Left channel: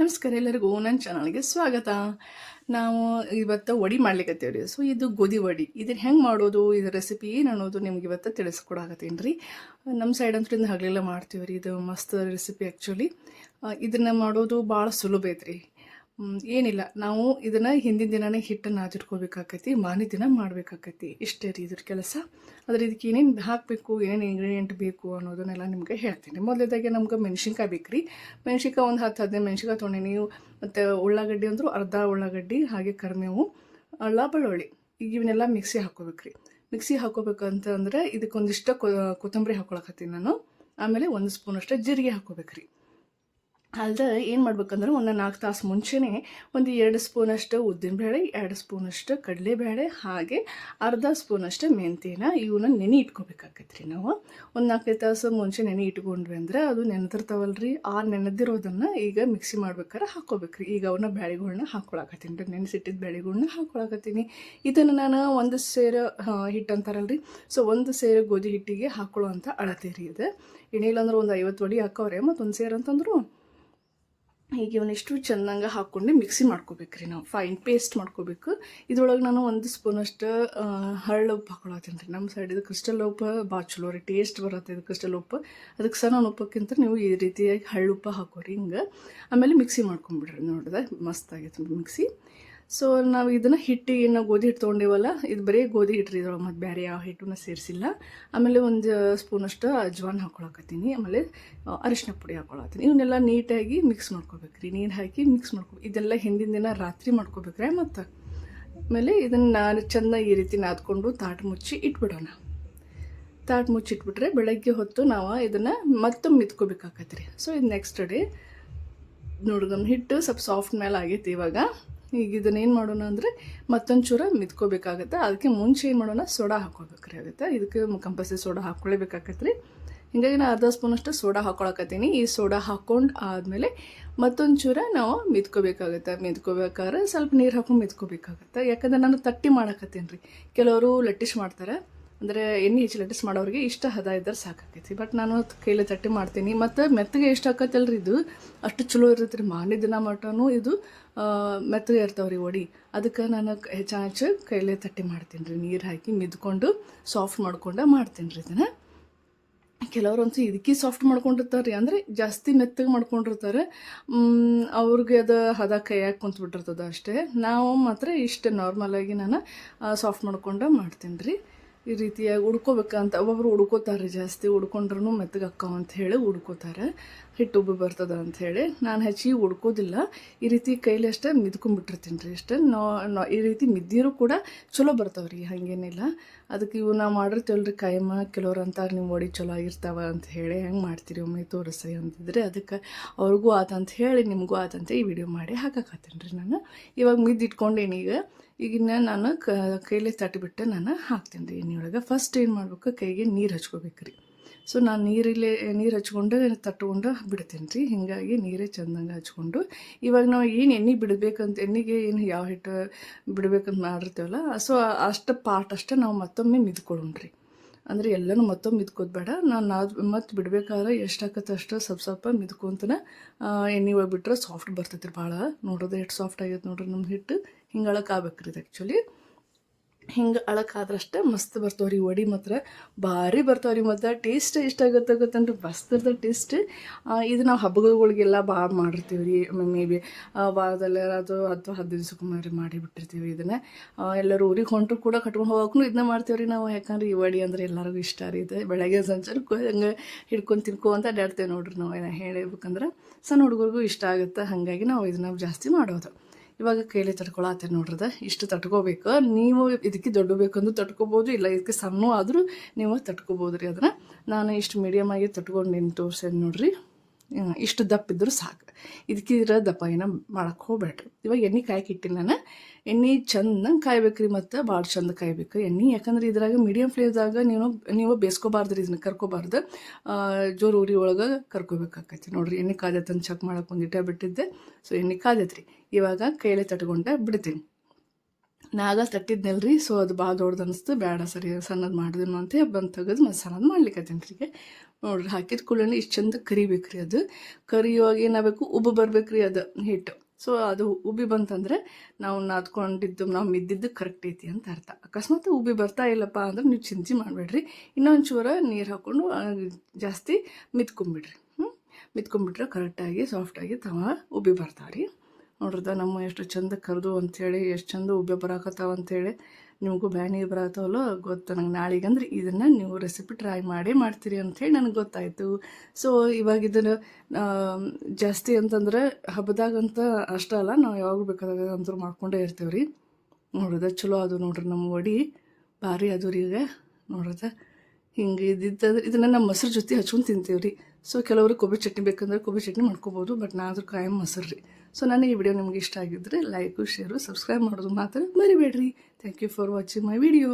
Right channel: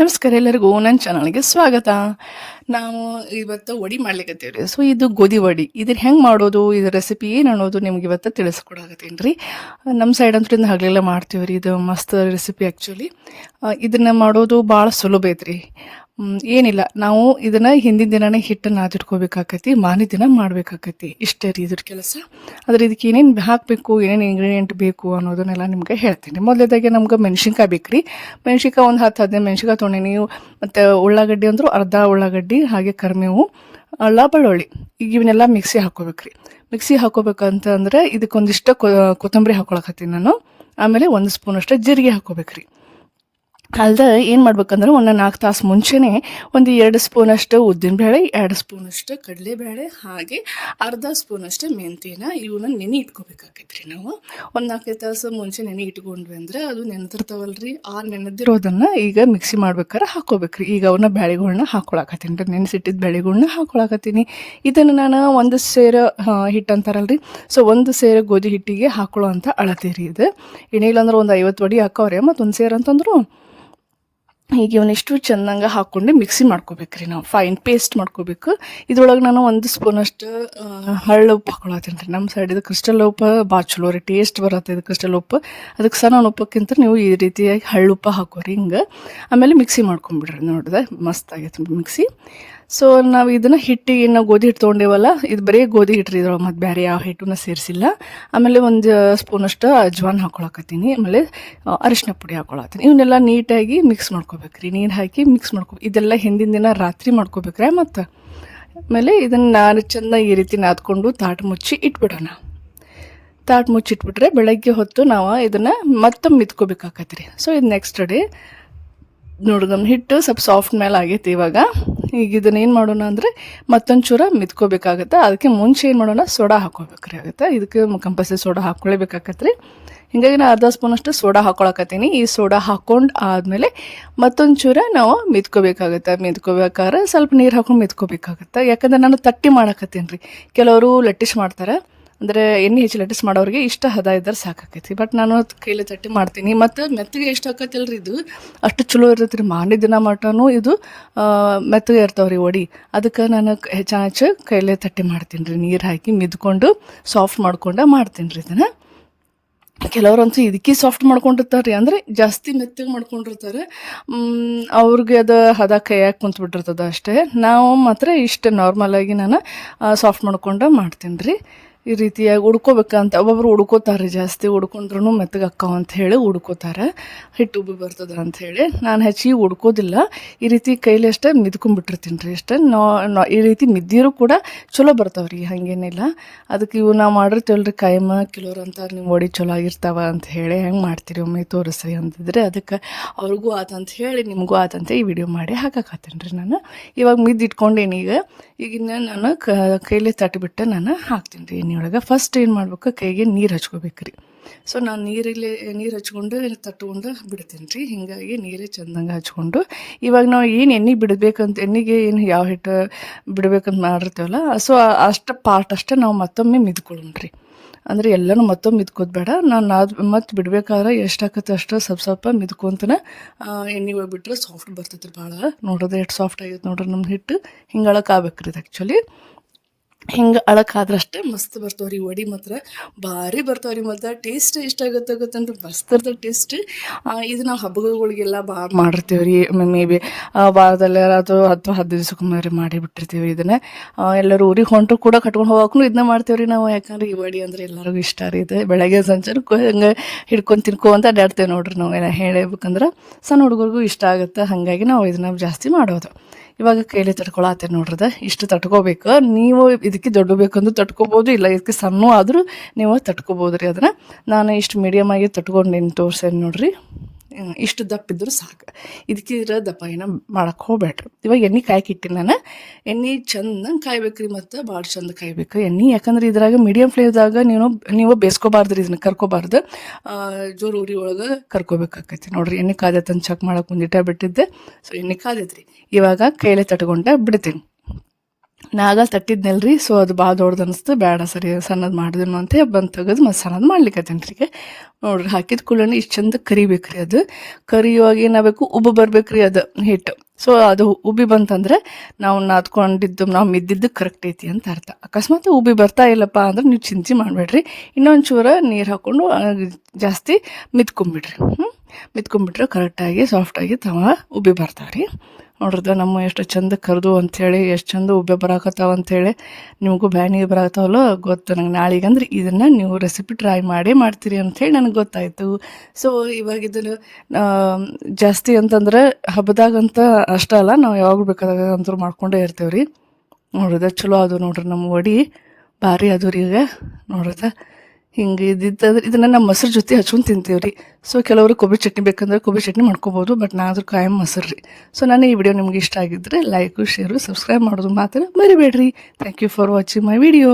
ನಮಸ್ಕಾರ ಎಲ್ಲರಿಗೂ ನನ್ನ ಚಾನಲ್ಗೆ ಸ್ವಾಗತ. ನಾವು ಇವತ್ತು ವಡಿ ಮಾಡ್ಲಿಕ್ಕತ್ತೀವಿ ರೀ. ಸೊ ಇದು ಗೋಧಿ ವಡಿ. ಇದನ್ನು ಹೆಂಗೆ ಮಾಡೋದು, ಇದ್ರ ರೆಸಿಪಿ ಏನು ಅನ್ನೋದು ನಿಮ್ಗೆ ಇವತ್ತು ತಿಳಿಸ್ಕೊಡಕತ್ತೀನಿ ರೀ. ನಮ್ಮ ಸೈಡ್ ಅಂತೂ ಇದನ್ನ ಹಗಲೆಲ್ಲ ಮಾಡ್ತೀವಿ ರೀ. ಇದು ಮಸ್ತ್ ರೆಸಿಪಿ ಆ್ಯಕ್ಚುಲಿ. ಇದನ್ನು ಮಾಡೋದು ಭಾಳ ಸುಲಭ ಐತ್ರಿ. ಏನಿಲ್ಲ, ನಾವು ಇದನ್ನು ಹಿಂದಿನ ದಿನನೇ ಹಿಟ್ಟನ್ನು ನಾದಿಟ್ಕೋಬೇಕಾಕತಿ, ಮಾರನೇ ದಿನ ಮಾಡಬೇಕಾಕತಿ. ಇಷ್ಟೇ ರೀ ಇದ್ರ ಕೆಲಸ. ಆದರೆ ಇದಕ್ಕೆ ಏನೇನು ಹಾಕಬೇಕು, ಏನೇನು ಇಂಗ್ರೀಡಿಯೆಂಟ್ ಬೇಕು ಅನ್ನೋದನ್ನೆಲ್ಲ ನಿಮ್ಗೆ ಹೇಳ್ತೀನಿ. ಮೊದಲೇದಾಗೆ ನಮ್ಗೆ ಮೆಣ್ಸಿನ್ಕಾಯಿ ಬೇಕು ರೀ. ಮೆಣ್ಸಿನ್ಕಾಯಿ ಒಂದು 10-15 ಮೆಣ್ಸಿನ್ಕಾಯಿ ತೊಗೊಂಡು ನೀವು, ಮತ್ತು ಉಳ್ಳಾಗಡ್ಡಿ ಅಂದರೂ ಅರ್ಧ ಉಳ್ಳಾಗಡ್ಡಿ, ಹಾಗೆ ಕರಿಬೇವು, ಅಲ್ಲ ಬೆಳ್ಳುಳ್ಳಿ, ಈಗ ಇವನ್ನೆಲ್ಲ ಮಿಕ್ಸಿ ಹಾಕ್ಕೋಬೇಕು ರೀ. ಮಿಕ್ಸಿ ಹಾಕ್ಕೋಬೇಕಂತಂದರೆ ಇದಕ್ಕೊಂದಿಷ್ಟು ಕೊತ್ತಂಬರಿ ಹಾಕ್ಕೊಳಕತ್ತೀನಿ ನಾನು. ಆಮೇಲೆ 1 ಸ್ಪೂನಷ್ಟು ಜೀರಿಗೆ ಹಾಕ್ಕೋಬೇಕು ರೀ. ಅಲ್ದೆ ಏನು ಮಾಡ್ಬೇಕಂದ್ರೆ ಒಂದು 4 ತಾಸು ಮುಂಚೆನೇ ಒಂದು 2 ಸ್ಪೂನಷ್ಟು ಉದ್ದಿನಬೇಳೆ, 2 ಸ್ಪೂನಷ್ಟು ಕಡಲೆಬೇಳೆ, ಹಾಗೆ ಅರ್ಧ ಸ್ಪೂನಷ್ಟು ಮೆಂತ್ಯನ ಇವನ್ನ ನೆನೆ ಇಟ್ಕೋಬೇಕಾಕೈತ್ರಿ. ನಾವು ಒಂದು 4 ತಾಸು ಮುಂಚೆ ನೆನೆ ಇಟ್ಕೊಂಡ್ವಿ ಅಂದರೆ ಅದು ನೆನೆದಿರ್ತಾವಲ್ರಿ. ಆ ನೆನೆದಿರೋದನ್ನು ಈಗ ಮಿಕ್ಸಿ ಮಾಡ್ಬೇಕಾದ್ರೆ ಹಾಕ್ಕೋಬೇಕ್ರಿ. ಈಗ ಅವನ್ನ ಬೇಳೆಗಳ್ನ ಹಾಕ್ಕೊಳಕತ್ತೀನಿ ರೀ, ನೆನೆಸಿಟ್ಟಿದ್ದ ಬೇಳೆಗಳ್ನ ಹಾಕ್ಕೊಳಕತ್ತೀನಿ. ಇದನ್ನು ನಾನು 1 ಸೇರು ಹಿಟ್ಟು ಅಂತಾರಲ್ರಿ. ಸೊ 1 ಸೇರು ಗೋಧಿ ಹಿಟ್ಟಿಗೆ ಹಾಕ್ಕೊಳ್ಳೋ ಅಂತ ಅಳತೆ ರೀ ಇದು. ಏನಿಲ್ಲ ಅಂದ್ರೆ ಒಂದು 50 ವಡಿ ಹಾಕವ್ರೆ, ಮತ್ತು 1 ಸೇರು ಅಂತಂದ್ರು ಈಗ ಇವನಿಷ್ಟು ಚೆಂದಂಗೆ ಹಾಕ್ಕೊಂಡು ಮಿಕ್ಸಿ ಮಾಡ್ಕೋಬೇಕ್ರಿ. ನಾವು ಫೈನ್ ಪೇಸ್ಟ್ ಮಾಡ್ಕೋಬೇಕು. ಇದ್ರೊಳಗೆ ನಾನು 1 ಸ್ಪೂನಷ್ಟು ಹಳ್ಳು ಉಪ್ಪು ಹಾಕ್ಕೊಳತ್ತೀನಿ ರೀ. ನಮ್ಮ ಸೈಡ್ ಇದು ಕ್ರಿಸ್ಟಲ್ ಉಪ್ಪು ಭಾಳ ಚಲೋ ರೀ, ಟೇಸ್ಟ್ ಬರುತ್ತೆ ಇದು ಕ್ರಿಸ್ಟಲ್ ಉಪ್ಪು. ಅದಕ್ಕೆ ಸಹ ನಾನು ಉಪ್ಪಕ್ಕಿಂತ ನೀವು ಈ ರೀತಿಯಾಗಿ ಹಳ್ಳುಪ್ಪ ಹಾಕೋರಿ ಹಿಂಗೆ. ಆಮೇಲೆ ಮಿಕ್ಸಿ ಮಾಡ್ಕೊಂಬಿಡ್ರಿ. ನೋಡಿದೆ ಮಸ್ತ್ ಆಗೈತೆ ಮಿಕ್ಸಿ. ಸೊ ನಾವು ಇದನ್ನು ಹಿಟ್ಟಿಗೆ ನಾವು ಗೋಧಿ ಹಿಟ್ಟು ತೊಗೊಂಡೇವಲ್ಲ, ಇದು ಬರೀ ಗೋಧಿ ಹಿಟ್ಟು ಇದ್ರೊಳಗೆ, ಮತ್ತು ಬೇರೆ ಯಾವ ಹಿಟ್ಟನ್ನ ಸೇರಿಸಿಲ್ಲ. ಆಮೇಲೆ 1 ಸ್ಪೂನಷ್ಟು ಅಜ್ವಾನ್ ಹಾಕ್ಕೊಳಕತ್ತೀನಿ. ಆಮೇಲೆ ಅರಿಶಿನ ಪುಡಿ ಹಾಕ್ಕೊಳತ್ತೀನಿ. ಇವನ್ನೆಲ್ಲ ನೀಟಾಗಿ ಮಿಕ್ಸ್ ಮಾಡ್ಕೋಬೇಕ್ರಿ. ನೀರು ಹಾಕಿ ಮಿಕ್ಸ್ ಇದೆಲ್ಲ ಹಿಂದಿನ ದಿನ ರಾತ್ರಿ ಮಾಡ್ಕೋಬೇಕ್ರೆ. ಮತ್ತು ಆಮೇಲೆ ಇದನ್ನು ನಾನು ಚೆಂದ ಈ ರೀತಿ ನಾದ್ಕೊಂಡು ತಾಟು ಮುಚ್ಚಿ ಇಟ್ಬಿಡೋಣ. ತಾಟು ಮುಚ್ಚಿಟ್ಬಿಟ್ರೆ ಬೆಳಗ್ಗೆ ಹೊತ್ತು ನಾವು ಇದನ್ನು ಮತ್ತೊಮ್ಮೆ ಮಿತ್ಕೋಬೇಕಾಕತ್ರಿ. ಸೊ ಇದು ನೆಕ್ಸ್ಟ್ ಡೇ ನೋಡಿ, ನಮ್ಮ ಹಿಟ್ಟು ಸ್ವಲ್ಪ ಸಾಫ್ಟ್ ಮೇಲೆ ಆಗೈತಿ ಇವಾಗ. ಈಗ ಇದನ್ನು ಏನು ಮಾಡೋಣ ಅಂದರೆ ಮತ್ತೊಂದು ಚೂರ ಮಿತ್ಕೋಬೇಕಾಗತ್ತೆ. ಅದಕ್ಕೆ ಮುಂಚೆ ಏನು ಮಾಡೋಣ, ಸೋಡಾ ಹಾಕ್ಕೋಬೇಕ್ರಿ ಆಗುತ್ತೆ. ಇದಕ್ಕೆ ಕಂಪಲ್ಸರಿ ಸೋಡಾ ಹಾಕ್ಕೊಳ್ಳೇಬೇಕಾಗತ್ತೆ. ಹೀಗಾಗಿ ನಾನು ಅರ್ಧ ಸ್ಪೂನಷ್ಟು ಸೋಡಾ ಹಾಕ್ಕೊಳಕತ್ತೀನಿ. ಈ ಸೋಡಾ ಹಾಕ್ಕೊಂಡು ಆದಮೇಲೆ ಮತ್ತೊಂದು ಚೂರ ನಾವು ಮಿತ್ಕೋಬೇಕಾಗತ್ತೆ. ಮಿತ್ಕೋಬೇಕಾದ್ರೆ ಸ್ವಲ್ಪ ನೀರು ಹಾಕ್ಕೊಂಡು ಮಿತ್ಕೋಬೇಕಾಗತ್ತೆ. ಯಾಕಂದ್ರೆ ನಾನು ತಟ್ಟಿ ಮಾಡಕತ್ತೀನಿ ರೀ. ಕೆಲವರು ಲಟ್ಟಿಸ್ ಮಾಡ್ತಾರೆ, ಅಂದರೆ ಎಣ್ಣೆ ಹೆಚ್ಚು ಲಟ್ಟಿಸ್ ಮಾಡೋರಿಗೆ ಇಷ್ಟ ಹದ ಇದ್ದರೆ ಸಾಕಾಕೈತಿ. ಬಟ್ ನಾನು ಕೈಲಿ ತಟ್ಟಿ ಮಾಡ್ತೀನಿ. ಮತ್ತು ಮೆತ್ತಗೆ ಎಷ್ಟು ಹಾಕತ್ತಲ್ರಿ ಇದು ಅಷ್ಟು ಚಲೋ ಇರ್ತೈತೆ ರೀ. ಮಾರನೇ ದಿನ ಮಟನೂ ಇದು ಮೆತ್ತಗೆ ಇರ್ತಾವ್ರಿ ವಡಿ. ಅದಕ್ಕೆ ನಾನು ಹೆಚ್ಚು ಕೈಲೇ ತಟ್ಟಿ ಮಾಡ್ತೀನಿ ರೀ. ನೀರು ಹಾಕಿ ಮಿದ್ಕೊಂಡು ಸಾಫ್ಟ್ ಮಾಡ್ಕೊಂಡು ಮಾಡ್ತೀನಿ ರೀ ಇದನ್ನು. ಕೆಲವ್ರಂತೂ ಇದಕ್ಕೆ ಸಾಫ್ಟ್ ಮಾಡ್ಕೊಂಡಿರ್ತಾರೆ ರೀ, ಅಂದರೆ ಜಾಸ್ತಿ ಮೆತ್ತಗೆ ಮಾಡ್ಕೊಂಡಿರ್ತಾರೆ. ಅವ್ರಿಗೆ ಅದು ಹದ ಕೈಯಾಗಿ ಕುಂತ್ಬಿಟ್ಟಿರ್ತದೆ ಅಷ್ಟೇ. ನಾವು ಮಾತ್ರ ಇಷ್ಟು ನಾರ್ಮಲಾಗಿ ನಾನು ಸಾಫ್ಟ್ ಮಾಡ್ಕೊಂಡು ಮಾಡ್ತೀನಿ ರೀ. ಈ ರೀತಿಯಾಗಿ ಉಡ್ಕೋಬೇಕಂತ ಒಬ್ಬೊಬ್ರು ಉಡ್ಕೋತಾರೆ, ಜಾಸ್ತಿ ಉಡ್ಕೊಂಡ್ರೂ ಮೆತ್ತಗೆ ಅಕ್ಕಾವ ಅಂತ ಹೇಳಿ ಉಡ್ಕೋತಾರೆ, ಹಿಟ್ಟು ಉಬ್ಬಿ ಬರ್ತದೆ ಅಂಥೇಳಿ. ನಾನು ಹೆಚ್ಚಿಗೆ ಉಡ್ಕೋದಿಲ್ಲ. ಈ ರೀತಿ ಕೈಲಿ ಅಷ್ಟೇ ಮಿದ್ಕೊಂಡ್ಬಿಟ್ಟಿರ್ತೀನಿ ರೀ ಅಷ್ಟೇ. ಈ ರೀತಿ ಮಿದ್ದಿರೂ ಕೂಡ ಚಲೋ ಬರ್ತಾವ್ರಿ, ಹಾಗೇನಿಲ್ಲ. ಅದಕ್ಕೆ ಇವು ನಾವು ಮಾಡಿರ್ತೀವಲ್ರಿ ಕಾಯಮ್ಮ. ಕೆಲವ್ರು ಅಂತಾರೆ ನಿಮ್ಮ ವಡಿ ಚಲೋ ಆಗಿರ್ತಾವ ಅಂತ ಹೇಳಿ, ಹೆಂಗೆ ಮಾಡ್ತೀರಿ ಒಮ್ಮೆ ತೋರಿಸ್ರಿ ಅಂತಿದ್ರೆ, ಅದಕ್ಕೆ ಅವ್ರಿಗೂ ಆತಂತ ಹೇಳಿ ನಿಮಗೂ ಆತಂತ ಈ ವಿಡಿಯೋ ಮಾಡಿ ಹಾಕಕತ್ತೀನಿ ರೀ ನಾನು. ಇವಾಗ ಮಿದ್ದಿಟ್ಕೊಂಡೇನಿ. ಈಗಿನ ನಾನು ಕೈಲೇ ತಟ್ಟಿಬಿಟ್ಟು ನಾನು ಹಾಕ್ತೀನಿ ರೀ ಎಣ್ಣೆಯೊಳಗೆ. ಫಸ್ಟ್ ಏನು ಮಾಡ್ಬೇಕು, ಕೈಗೆ ನೀರು ಹಚ್ಕೋಬೇಕು ರೀ. ಸೊ ನಾನು ನೀರು ಹಚ್ಕೊಂಡು ತಟ್ಕೊಂಡು ಬಿಡ್ತೀನಿ ರೀ. ಹೀಗಾಗಿ ನೀರೇ ಚೆಂದಂಗೆ ಹಚ್ಕೊಂಡು ಇವಾಗ ನಾವು ಏನು ಎಣ್ಣೆ ಬಿಡಬೇಕಂತ, ಎಣ್ಣೆಗೆ ಏನು ಯಾವ ಹಿಟ್ಟು ಬಿಡಬೇಕಂತ ಮಾಡಿರ್ತೀವಲ್ಲ, ಸೊ ಅಷ್ಟು ಪಾರ್ಟ್ ಅಷ್ಟೇ ನಾವು ಮತ್ತೊಮ್ಮೆ ಮಿದ್ಕೊಳ್ಳೋಣ ರೀ. ಅಂದರೆ ಎಲ್ಲನೂ ಮತ್ತೊಮ್ಮೆ ಮಿದ್ಕೋದು ಬೇಡ. ನಾನು ಮತ್ತು ಬಿಡಬೇಕಾದ್ರೆ ಎಷ್ಟು ಆಕತ್ತೆ ಅಷ್ಟು ಸ್ವಲ್ಪ ಮಿದ್ಕೊಂತನ ಎಣ್ಣೆ ಒಳಗೆ ಬಿಟ್ಟರೆ ಸಾಫ್ಟ್ ಬರ್ತೈತೆ ರೀ ಭಾಳ. ನೋಡೋದು ಎಷ್ಟು ಸಾಫ್ಟ್ ಆಗೈತೆ ನೋಡ್ರಿ ನಮ್ಮ ಹಿಟ್ಟು. ಹಿಂಗೆ ಅಳಕಾಗ್ಬೇಕು ರೀ ಇದು ಆ್ಯಕ್ಚುಲಿ. ಹಿಂಗೆ ಅಳಕಾದ್ರಷ್ಟೇ ಮಸ್ತ್ ಬರ್ತಾವ್ರಿ ವಡಿ. ಮಾತ್ರ ಭಾರಿ ಬರ್ತಾವ್ರಿ. ಮತ್ತು ಟೇಸ್ಟ್ ಇಷ್ಟ ಗೊತ್ತಂದ್ರೆ ಮಸ್ತ್ ಇರ್ತದೆ ಟೇಸ್ಟ್. ಇದು ನಾವು ಹಬ್ಬಗಳಿಗೆಲ್ಲ ಭಾಳ ಮಾಡಿರ್ತೀವಿ ರೀ. ಮೇ ಬಿ ವಾರದಲ್ಲಿ ಅಥವಾ 10-15 ದಿವ್ಸಕ್ಕೊಮ್ಮೆ ಮಾಡಿಬಿಟ್ಟಿರ್ತೀವಿ ಇದನ್ನು. ಎಲ್ಲರೂ ಊರಿಗೆ ಹೊಂಟರು ಕೂಡ ಕಟ್ಕೊಂಡು ಹೋಗೋಕ್ಕೂ ಇದನ್ನ ಮಾಡ್ತೀವಿ ರೀ ನಾವು. ಯಾಕಂದ್ರೆ ಈ ವಡಿ ಅಂದರೆ ಎಲ್ಲರಿಗೂ ಇಷ್ಟ ರೀ ಇದು. ಬೆಳಗ್ಗೆ ಸಂಚಾರಕ್ಕೂ ಹಂಗೆ ಹಿಡ್ಕೊಂಡು ತಿನ್ಕೊಂತ ಅಡ್ಡಾಡ್ತೇವೆ ನೋಡ್ರಿ ನಾವು. ಎಲ್ಲ ಹೇಳಬೇಕಂದ್ರೆ ಸಣ್ಣ ಹುಡುಗರಿಗೂ ಇಷ್ಟ ಆಗುತ್ತೆ, ಹಾಗಾಗಿ ನಾವು ಇದನ್ನ ಜಾಸ್ತಿ ಮಾಡೋದು. ಇವಾಗ ಕೈಲಿ ತಟ್ಕೊಳತ್ತೇನೆ ನೋಡ್ರದ. ಇಷ್ಟು ತಟ್ಕೋಬೇಕು. ನೀವು ಇದಕ್ಕೆ ದೊಡ್ಡ ಬೇಕಂದ್ರೆ ತಟ್ಕೋಬೋದು, ಇಲ್ಲ ಇದಕ್ಕೆ ಸಣ್ಣ ಆದರೂ ನೀವು ತಟ್ಕೋಬೋದು ರೀ. ಅದನ್ನು ನಾನು ಇಷ್ಟು ಮೀಡಿಯಮಾಗಿ ತಟ್ಕೊಂಡು ತೋರ್ಸೇನೆ ನೋಡ್ರಿ. ಇಷ್ಟು ದಪ್ಪ ಇದ್ದರೂ ಸಾಕು. ಇದಕ್ಕೆ ದಪ್ಪ ಏನೋ ಮಾಡೋಕ್ಕೆ ಹೋಗ್ಬೇಡ್ರಿ. ಇವಾಗ ಎಣ್ಣೆ ಕಾಯ್ಕಿಟ್ಟಿನಿ ನಾನು. ಎಣ್ಣೆ ಚೆಂದಂಗೆ ಕಾಯ್ಬೇಕು ರೀ, ಮತ್ತು ಭಾಳ ಚಂದ ಕಾಯ್ಬೇಕು ಎಣ್ಣೆ. ಯಾಕಂದ್ರೆ ಇದ್ರಾಗ ಮೀಡಿಯಮ್ ಫ್ಲೇಮ್ದಾಗ ನೀವು ಬೇಯಿಸ್ಕೋಬಾರ್ದು ರೀ, ಇದನ್ನು ಕರ್ಕೋಬಾರ್ದು. ಜೋರು ಉರಿ ಒಳಗೆ ಕರ್ಕೋಬೇಕಾಕೈತಿ ನೋಡ್ರಿ. ಎಣ್ಣೆ ಕಾದೈತಂತ ಚೆಕ್ ಮಾಡೋಕೆ ಒಂದಿಟ್ಟ ಬಿಟ್ಟಿದ್ದೆ. ಸೊ ಎಣ್ಣೆ ಕಾದೈತೆ ರೀ. ಇವಾಗ ಕೈಲೇ ತಟ್ಕೊಂಡೆ ಬಿಡ್ತೀನಿ. ನಾಗ ತಟ್ಟಿದ್ನಲ್ರಿ, ಸೊ ಅದು ಭಾಳ ದೊಡ್ಡದು ಅನಿಸ್ತು, ಬೇಡ ಸರಿ ಸಣ್ಣದು ಮಾಡಿದ್ನು ಅಂತ ಬಂದು ತೆಗೆದು ಮತ್ತು ಸಣ್ಣದು ಮಾಡ್ಲಿಕ್ಕತ್ತೇನೆ ರೀ. ನೋಡ್ರಿ ಹಾಕಿದ ಕೂಡಲೇ ಇಷ್ಟು ಚಂದ ಕರಿಬೇಕು ರೀ. ಅದು ಕರಿಯುವಾಗ ಏನಾಗಬೇಕು, ಉಬ್ಬು ಬರ್ಬೇಕು ರೀ ಅದು ಹಿಟ್ಟು. ಸೊ ಅದು ಉಬ್ಬಿ ಬಂತಂದ್ರೆ ನಾವು ನಾದ್ಕೊಂಡಿದ್ದು ನಾವು ಮಿದ್ದಿದ್ದು ಕರೆಕ್ಟ್ ಐತಿ ಅಂತ ಅರ್ಥ. ಅಕಸ್ಮಾತ್ ಉಬ್ಬಿ ಬರ್ತಾ ಇಲ್ಲಪ್ಪ ಅಂದ್ರೆ ನೀವು ಚಿಂತೆ ಮಾಡಬೇಡ್ರಿ, ಇನ್ನೊಂದು ಚೂರ ನೀರು ಹಾಕ್ಕೊಂಡು ಜಾಸ್ತಿ ಮಿದ್ಕೊಂಬಿಡ್ರಿ. ಮಿದ್ಕೊಂಬಿಟ್ರೆ ಕರೆಕ್ಟಾಗಿ ಸಾಫ್ಟಾಗಿ ಉಬ್ಬಿ ಬರ್ತಾವೆ ರೀ. ನೋಡ್ರದ ನಮ್ಮ ಎಷ್ಟು ಚಂದ ಕರೆದು ಅಂಥೇಳಿ, ಎಷ್ಟು ಚಂದ ಉಬ್ಬೆ ಬರಾಕತ್ತಾವ ಅಂಥೇಳಿ. ನಿಮಗೂ ಬ್ಯಾನಿಗೆ ಬರಾಕತ್ತಾವಲ್ಲ ಗೊತ್ತು ನಂಗೆ. ನಾಳೆಗಂದ್ರೆ ಇದನ್ನು ನೀವು ರೆಸಿಪಿ ಟ್ರೈ ಮಾಡೇ ಮಾಡ್ತೀರಿ ಅಂಥೇಳಿ ನನಗೆ ಗೊತ್ತಾಯಿತು. ಸೊ ಇವಾಗ ಇದನ್ನು ಜಾಸ್ತಿ ಅಂತಂದ್ರೆ ಹಬ್ಬದಾಗಂತ ಅಷ್ಟೇ ಅಲ್ಲ, ನಾವು ಯಾವಾಗ ಬೇಕಾದಾಗ ಅಂತೂ ಮಾಡ್ಕೊಂಡೇ ಇರ್ತೇವೆ ರೀ. ನೋಡ್ರದ ಚಲೋ ಅದು ನೋಡ್ರಿ, ನಮ್ಮ ವಡಿ ಭಾರಿ ಅದು ರೀ. ಈಗ ನೋಡ್ರದ ಹಿಂಗೆ ಇದ್ದಿತ್ತಂದ್ರೆ ಇದನ್ನು ನಮ್ಮ ಮೊಸರು ಜೊತೆ ಹಚ್ಕೊಂಡು ತಿಂತೀವಿ ರೀ. ಸೊ ಕೆಲವರು ಕೊಬ್ಬರಿ ಚಟ್ನಿ ಬೇಕಂದ್ರೆ ಕೊಬ್ಬರಿ ಚಟ್ನಿ ಮಾಡ್ಕೊಬೋದು, ಬಟ್ ನಾದರೂ ಕಾಯಂ ಮೊಸರು ರೀ. ಸೊ ನಾನು ಈ ವಿಡಿಯೋ ನಿಮ್ಗೆ ಇಷ್ಟ ಆಗಿದ್ದರೆ ಲೈಕು, ಶೇರು, ಸಬ್ಸ್ಕ್ರೈಬ್ ಮಾಡೋದು ಮಾತ್ರ ಮರಿಬೇಡ್ರಿ. Thank you for watching my video.